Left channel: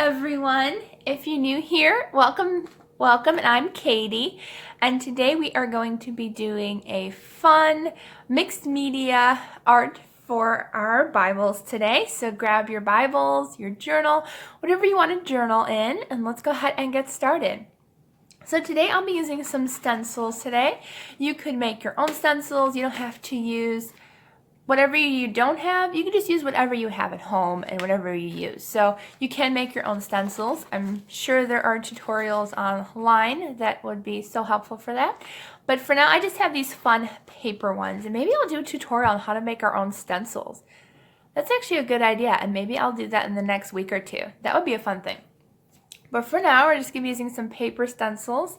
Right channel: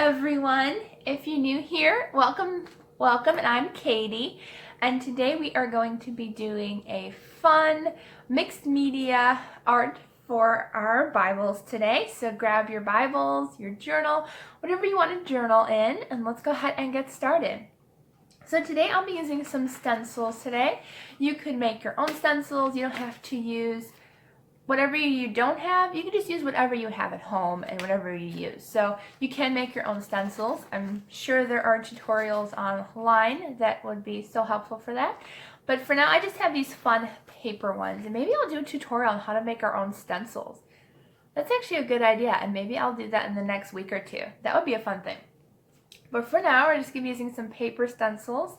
everyone. If you're new here, welcome, and I'm Katie. And today we are going to be doing a fun mixed media art for our Bibles today. So grab your Bibles, your journal, whatever you want to journal in, and let's go ahead and get started. So today I'll be using some stencils today. You could make your own stencils. You don't have to use whatever you don't have. You can just use whatever you have at home and whatever you use. So you can make your own stencils. I'm sure there are tutorials online that would be so helpful for that. But for now, I just have these fun paper ones, and maybe I'll do a tutorial on how to make our own stencils. That's actually a good idea, and maybe I'll do that in the next week or two. That would be a fun thing. But for now, we're just going to be using some paper stencils,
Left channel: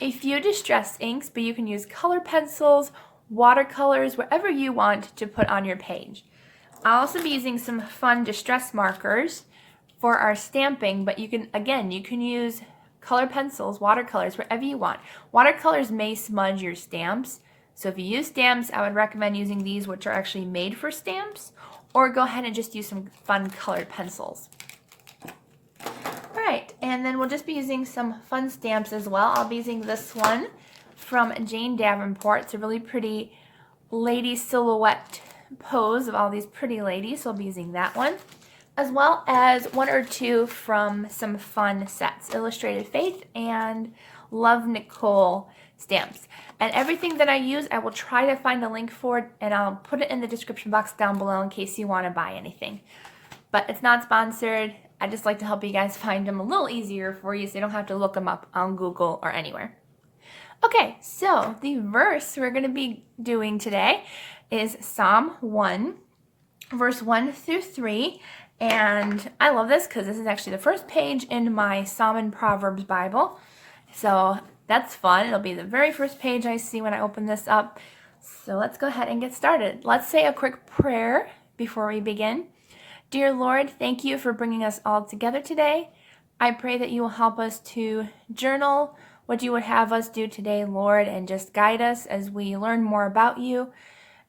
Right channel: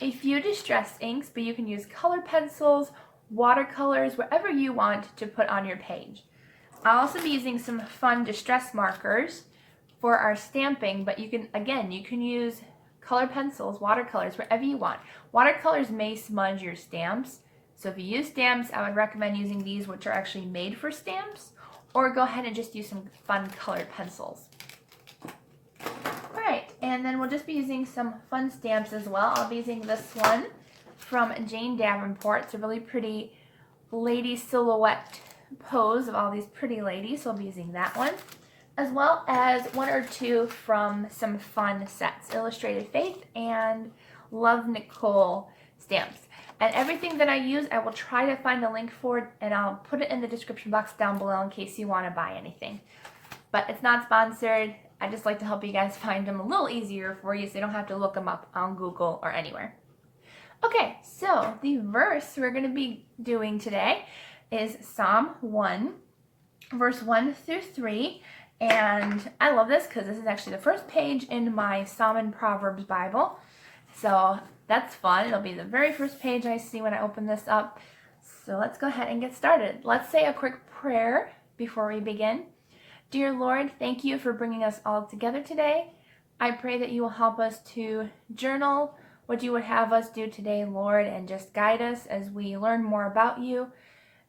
a few distress inks, but you can use color pencils, watercolors, whatever you want to put on your page. I'll also be using some fun distress markers for our stamping, but you can use color pencils, watercolors, wherever you want. Watercolors may smudge your stamps, so if you use stamps, I would recommend using these, which are actually made for stamps, or go ahead and just use some fun colored pencils. Alright, and then we'll just be using some fun stamps as well. I'll be using this one from Jane Davenport. It's a really pretty lady silhouette pose of all these pretty ladies, so I'll be using that one, as well as one or two from some fun sets, Illustrated Faith and Love Nicole stamps. And everything that I use, I will try to find a link for, and I'll put it in the description box down below in case you want to buy anything. But it's not sponsored. I just like to help you guys find them a little easier for you so you don't have to look them up on Google or anywhere. Okay, so the verse we're going to be doing today is Psalm 1, verse 1 through 3. And I love this because this is actually the first page in my Psalm and Proverbs Bible. So that's fun. It'll be the very first page I see when I open this up. So let's go ahead and get started. Let's say a quick prayer before we begin. Dear Lord, thank you for bringing us all together today. I pray that you will help us to journal what you would have us do today, Lord, and just guide us as we learn more about you,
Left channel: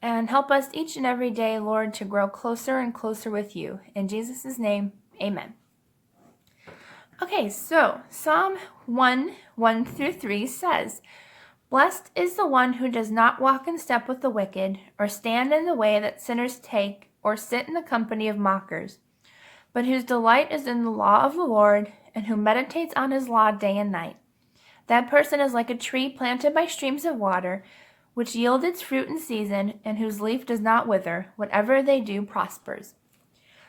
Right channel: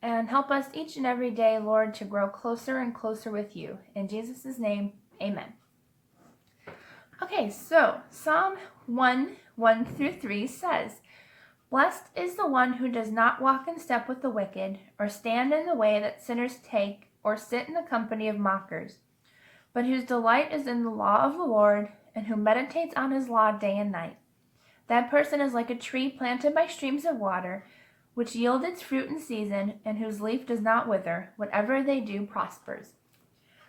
and help us each and every day, Lord, to grow closer and closer with you. In Jesus' name, amen. Okay, so Psalm 1, 1 through 3 says, Blessed is the one who does not walk in step with the wicked, or stand in the way that sinners take, or sit in the company of mockers, but whose delight is in the law of the Lord, and who meditates on his law day and night. That person is like a tree planted by streams of water, which yield its fruit in season, and whose leaf does not wither. Whatever they do prospers.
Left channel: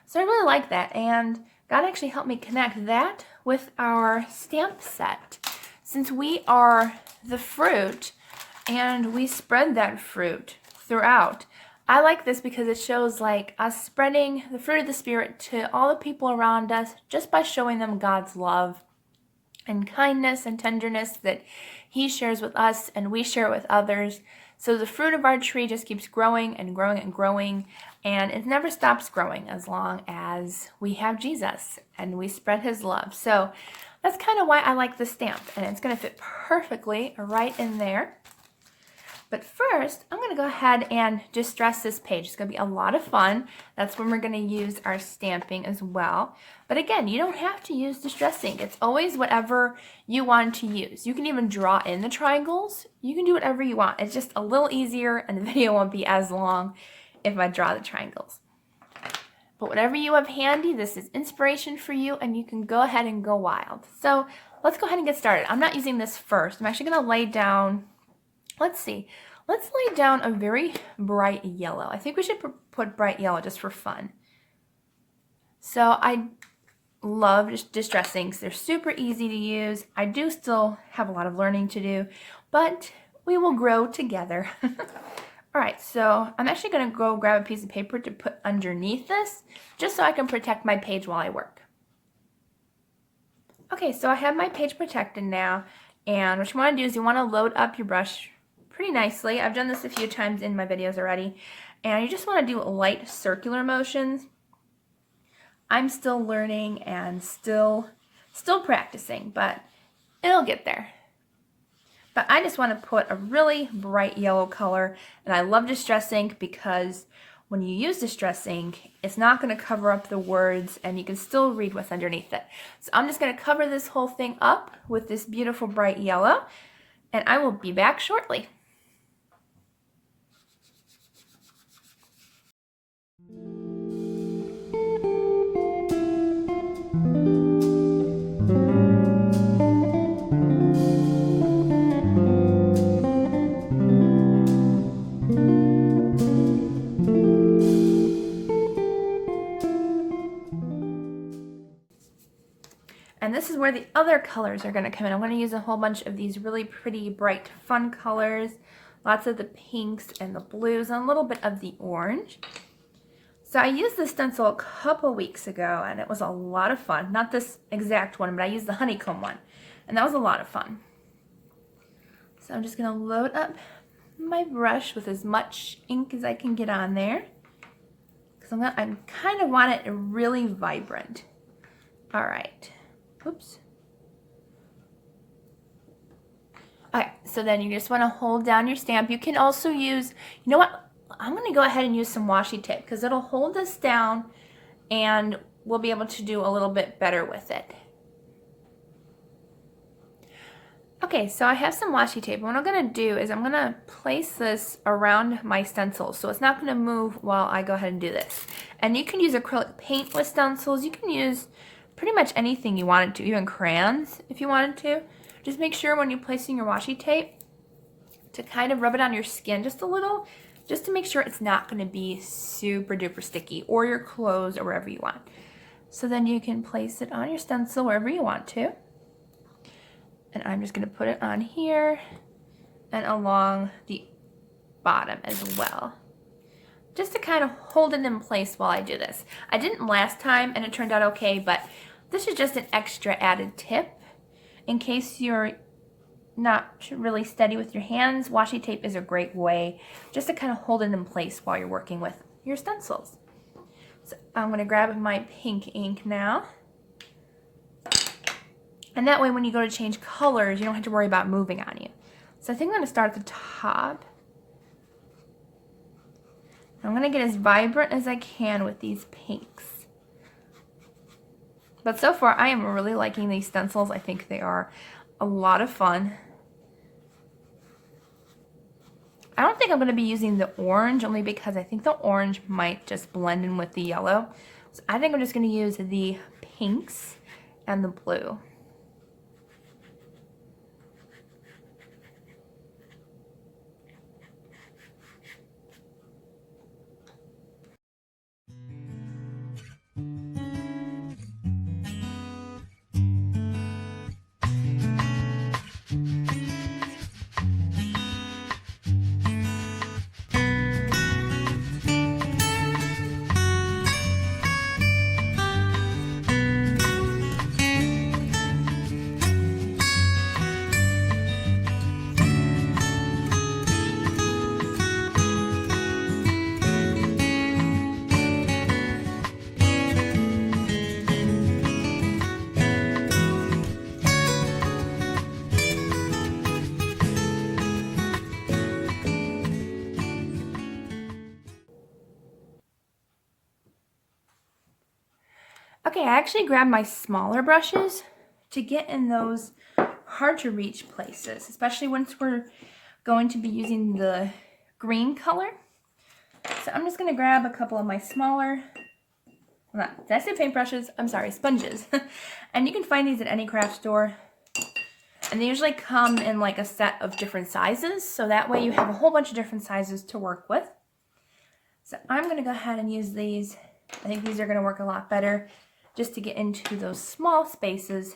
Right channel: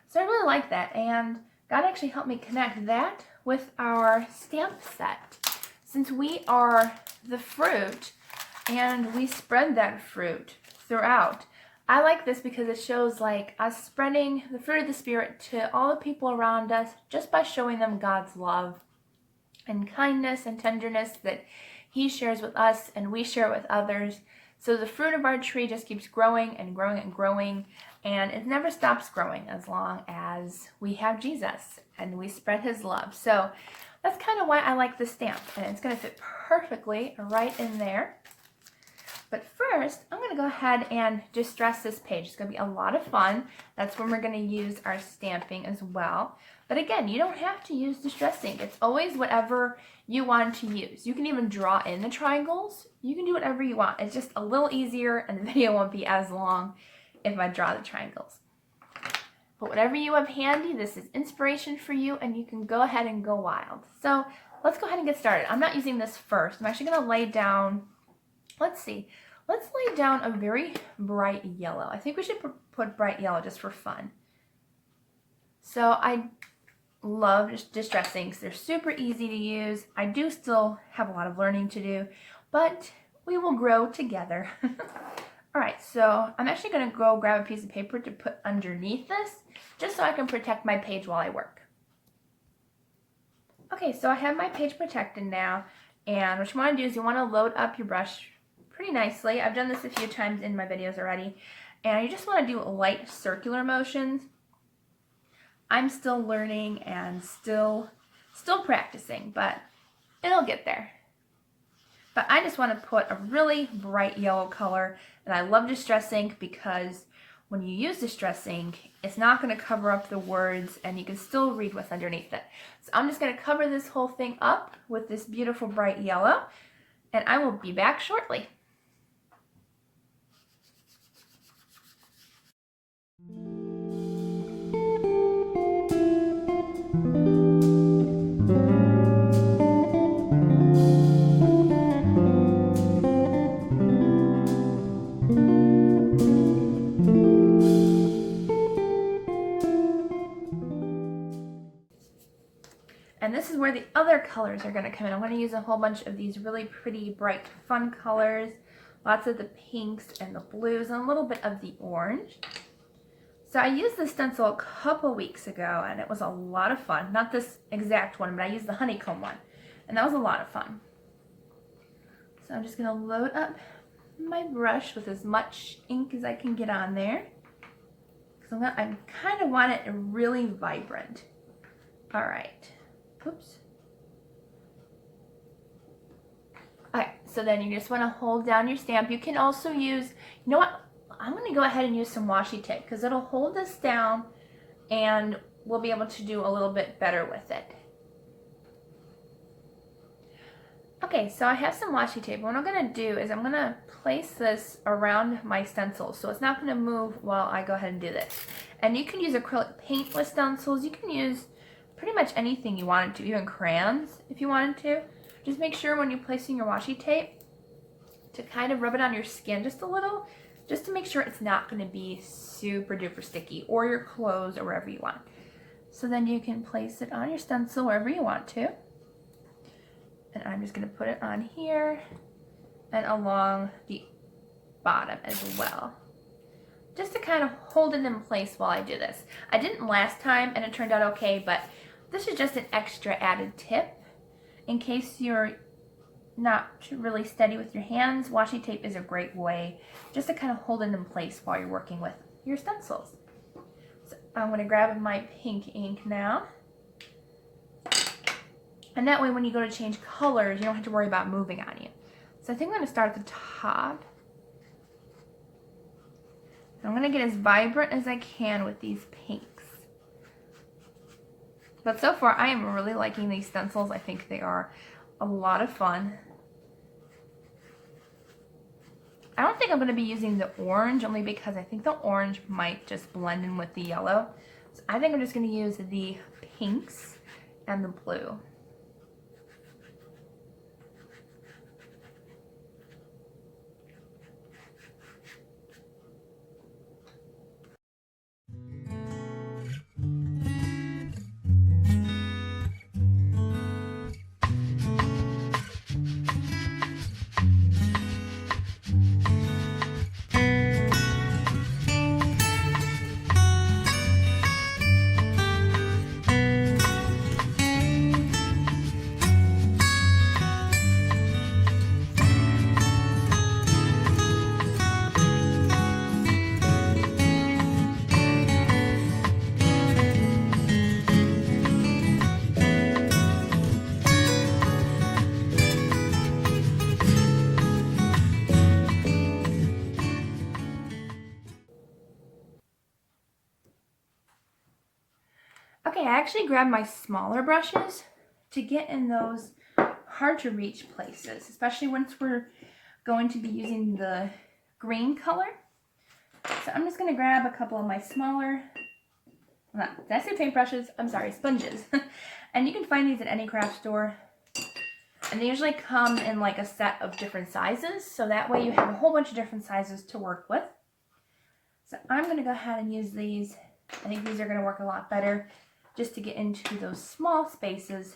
So I really like that, and God actually helped me connect that with our stamp set. Since we are the fruit, and we spread that fruit throughout, I like this because it shows like us spreading the fruit of the Spirit to all the people around us just by showing them God's love and kindness and tenderness that he shares with us and we share with others. So the fruit of our tree just keeps growing and growing and growing, and it never stops growing as long as we have Jesus and we spread his love. So that's kind of why I like the stamp, and it's going to fit perfectly right in there. But first, I'm going to go ahead and distress this page. It's going to be a lot of fun. That's when we're going to use our stamping as well. But again, you don't have to use distress ink. It's always whatever you want to use. You can even draw in the triangles. You can do whatever you want. It's just a little easier, and the video won't be as long if I draw the triangles. But whatever you have handy, this is inspiration for you, and you can go ahead and go wild. So let's go ahead and get started. I'm not using this first. I'm actually going to lay down... Let's see. Let's lay down a very bright yellow. I think we should put bright yellow just for fun. So I love distress inks. They're super easy to use. I do still have a lot of learning to do, but we will grow together. All right, so I'm actually going to go grab a piece of paper to put underneath this, just so I can protect my page while I work. Okay, so I have my page protected now, and what you want to do is you want to load up your brush pretty nicely. I've done this a few times in my videos already, and you just want to do light circular motions. I'm still learning and still practicing, but it'll get there. But I just want to put a really bright yellow color, and I love distress ink because when you use Distress ink, it's not going to cover up the words and you can still read what's underneath it. So I'm just going to cover this whole thing up with this beautiful bright yellow, and I will be back shortly. And this is where the other colors are going to come in. I'm going to use a whole bunch of these really pretty, bright, fun colors. Lots of the pinks and the blues and a little bit of the orange. So I used this stencil a couple weeks ago and it was a lot of fun. Not this exact one, but I used the honeycomb one. And that was a lot of fun. So I'm just going to load up my brush with as much ink as I can get on there. Because I kind of want it really vibrant. All right. Oops. Okay, so then you just want to hold down your stamp. You can also use, you know what, I'm going to go ahead and use some washi tape because it'll hold this down and we'll be able to do a little bit better with it. Okay, so I have some washi tape. What I'm going to do is I'm going to place this around my stencil so it's not going to move while I go ahead and do this. And you can use acrylic paint with stencils. You can use pretty much anything you wanted to, even crayons if you wanted to. Just make sure when you're placing your washi tape to kind of rub it on your skin just a little, just to make sure it's not going to be super duper sticky, or your clothes or wherever you want. So then you can place it on your stencil wherever you want to. And I'm just going to put it on here and along the bottom as well, just to kind of hold it in place while I do this. I didn't last time and it turned out okay, but this is just an extra added tip. In case you're not really steady with your hands, washi tape is a great way just to kind of hold it in place while you're working with your stencils. So I'm going to grab my pink ink now. And that way when you go to change colors, you don't have to worry about moving on you. So I think I'm going to start at the top. I'm going to get as vibrant as I can with these pinks. But so far, I am really liking these stencils. I think they are a lot of fun. I don't think I'm going to be using the orange, only because I think the orange might just blend in with the yellow. So I think I'm just going to use the pinks and the blue. Okay, I actually grabbed my smaller brushes to get in those hard to reach places, especially once we're going to be using the green color. So I'm just going to grab a couple of my smaller, did I say paintbrushes? I'm sorry, sponges. And you can find these at any craft store. And they usually come in like a set of different sizes, so that way you have a whole bunch of different sizes to work with. So I'm going to go ahead and use these. I think these are going to work a lot better just to get into those small spaces.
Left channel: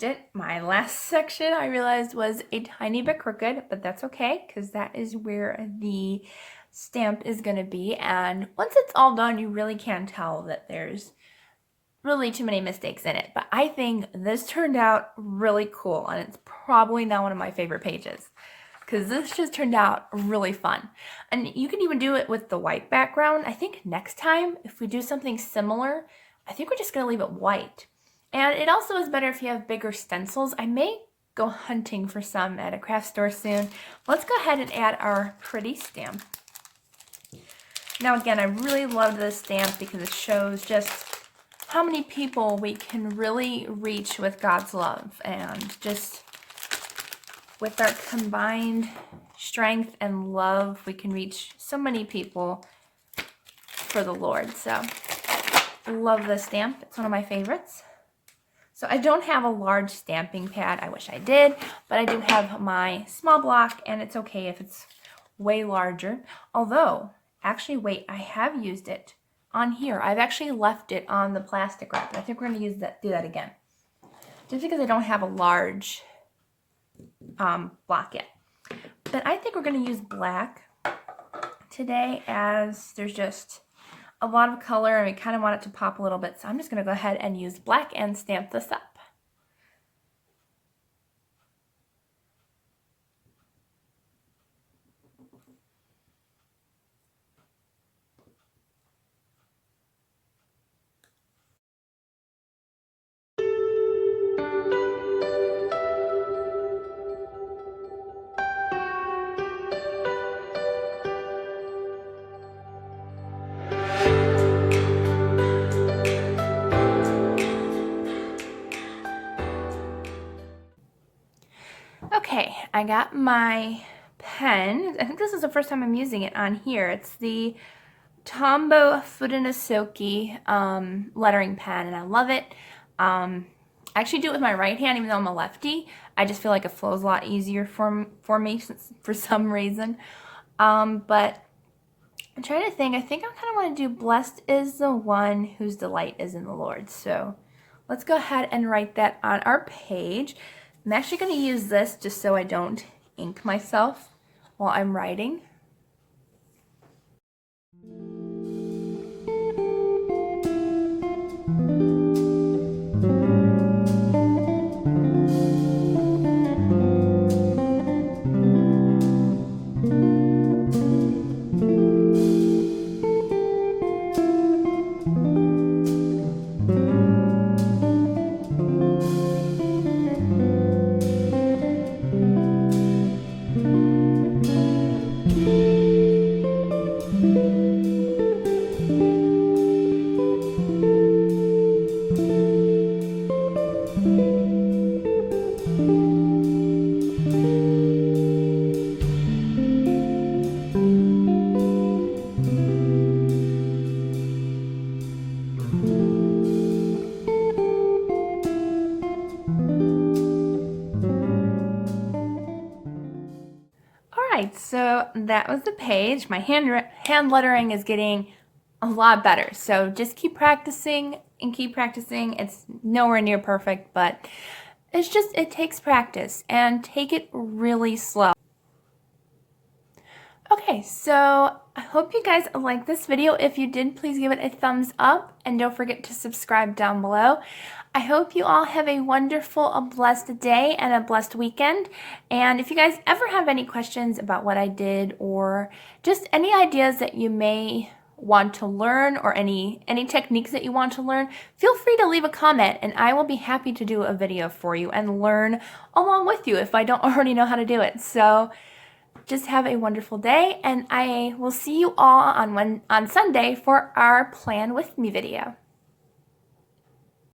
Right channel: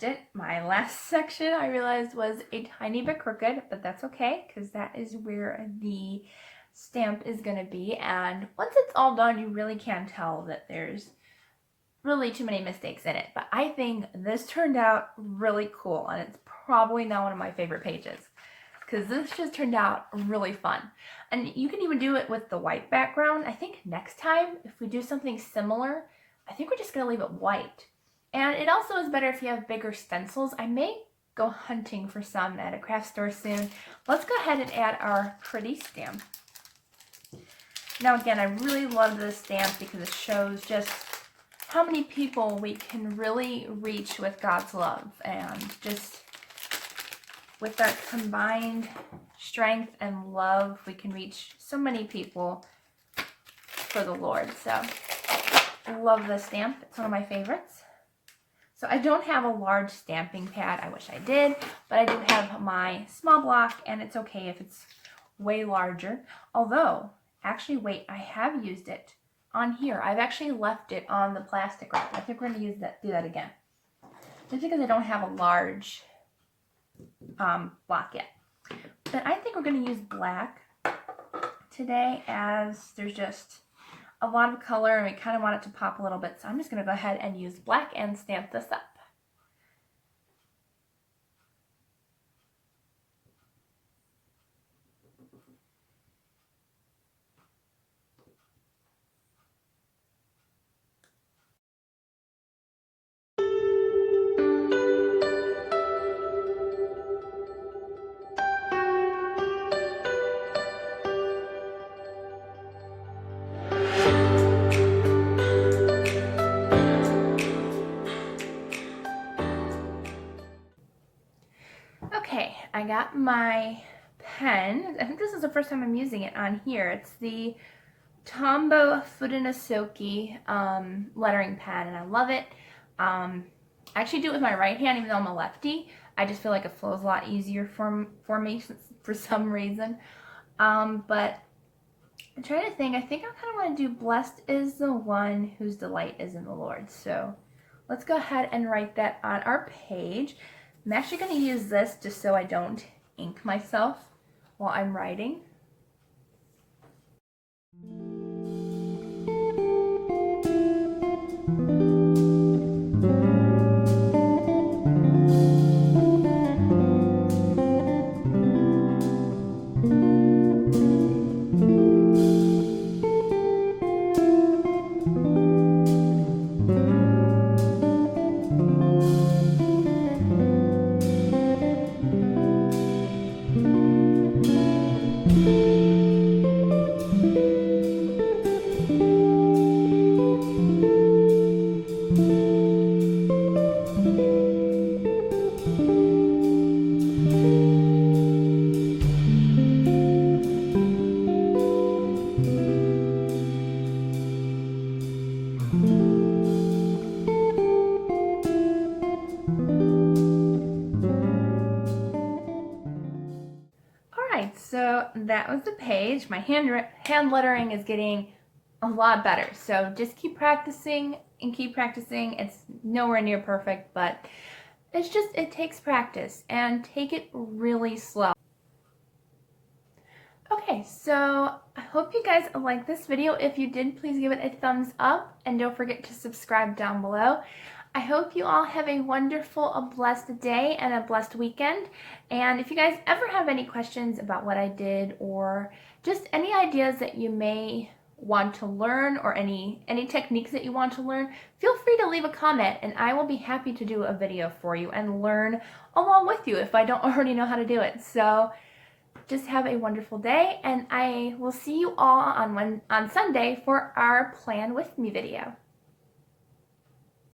finished it. My last section I realized was a tiny bit crooked, but that's okay because that is where the stamp is going to be. And once it's all done, you really can tell that there's really too many mistakes in it. But I think this turned out really cool, and it's probably now one of my favorite pages because this just turned out really fun. And you can even do it with the white background. I think next time, if we do something similar, I think we're just going to leave it white. And it also is better if you have bigger stencils. I may go hunting for some at a craft store soon. Let's go ahead and add our pretty stamp. Now again, I really love this stamp because it shows just how many people we can really reach with God's love, and just with our combined strength and love, we can reach so many people for the Lord. So I love this stamp. It's one of my favorites. So I don't have a large stamping pad. I wish I did, but I do have my small block, and it's okay if it's way larger. Although, actually, wait, I have used it on here. I've actually left it on the plastic wrap. I think we're going to do that again. Just because I don't have a large block yet. But I think we're going to use black today, as there's just a lot of color and we kind of want it to pop a little bit. So I'm just going to go ahead and use black and stamp this up. Okay, I got my pen. I think this is the first time I'm using it on here. It's the Tombow Fudenosuke lettering pen, and I love it. I actually do it with my right hand, even though I'm a lefty. I just feel like it flows a lot easier for me for some reason. But I'm trying to think. I think I kind of want to do "Blessed is the one whose delight is in the Lord." So let's go ahead and write that on our page. I'm actually going to use this just so I don't ink myself while I'm writing. So that was the page. My hand lettering is getting a lot better. So just keep practicing and keep practicing. It's nowhere near perfect, but it takes practice, and take it really slow. Okay, so I hope you guys liked this video. If you did, please give it a thumbs up, and don't forget to subscribe down below. I hope you all have a wonderful, a blessed day and a blessed weekend. And if you guys ever have any questions about what I did, or just any ideas that you may want to learn, or any techniques that you want to learn, feel free to leave a comment, and I will be happy to do a video for you and learn along with you if I don't already know how to do it. So just have a wonderful day, and I will see you all on Sunday for our Plan With Me video.